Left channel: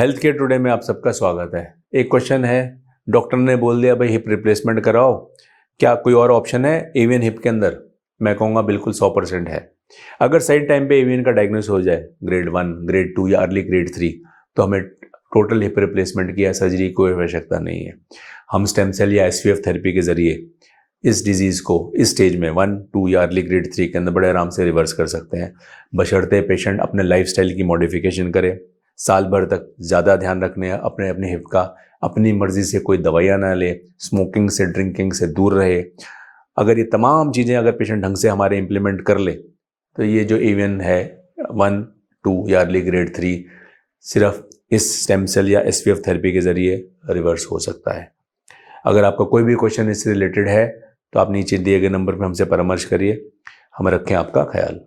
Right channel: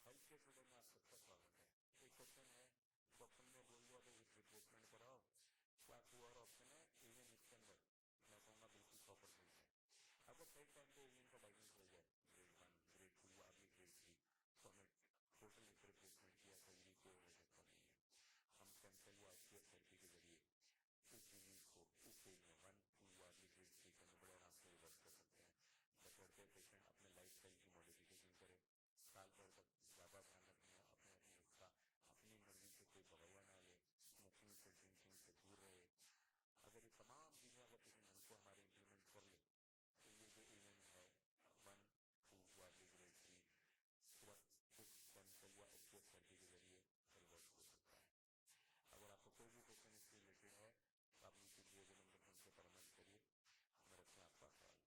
Health care today में आप सबका स्वागत है। एक क्वेश्चन है, डॉक्टर ने बोल दिया भाई हिप रिप्लेसमेंट कराओ, क्या कोई और ऑप्शन है एवियन हिप के अंदर? मैं कहूँगा बिल्कुल 100% है। अगर सही टाइम पे एवियन का डायग्नोस हो जाए, ग्रेड 1, ग्रेड 2 या अर्ली ग्रेड 3, तो हमें टोटल हिप रिप्लेसमेंट की या सर्जरी की कोई आवश्यकता नहीं है। हम स्टेम सेल या एसवीएफ थेरेपी के जरिए इस डिजीज़ को इस स्टेज में 1, 2 या अर्ली ग्रेड 3 के अंदर बड़े आराम से रिवर्स कर सकते हैं, बशर्ते पेशेंट अपने लाइफस्टाइल की मॉडिफिकेशन करे, साल भर तक ज़्यादा ध्यान रखने अपने अपने हिप का, अपनी मर्ज़ी से कोई दवाइयाँ ना ले, स्मोकिंग से ड्रिंकिंग से दूर रहे। अगर ये तमाम चीज़ें अगर पेशेंट ढंग से हमारे इम्प्लीमेंट कर ले, तो ये जो एवियन है 1, 2 या अर्ली ग्रेड 3 सिर्फ इस स्टेम सेल या एसवीएफ थेरेपी के ज़रिए रिवर्स हो सकता है। अगर आपका कोई भी क्वेश्चन इससे रिलेटेड है तो आप नीचे दिए गए नंबर पर हमसे परामर्श करिए। हम रखें आपका ख्याल।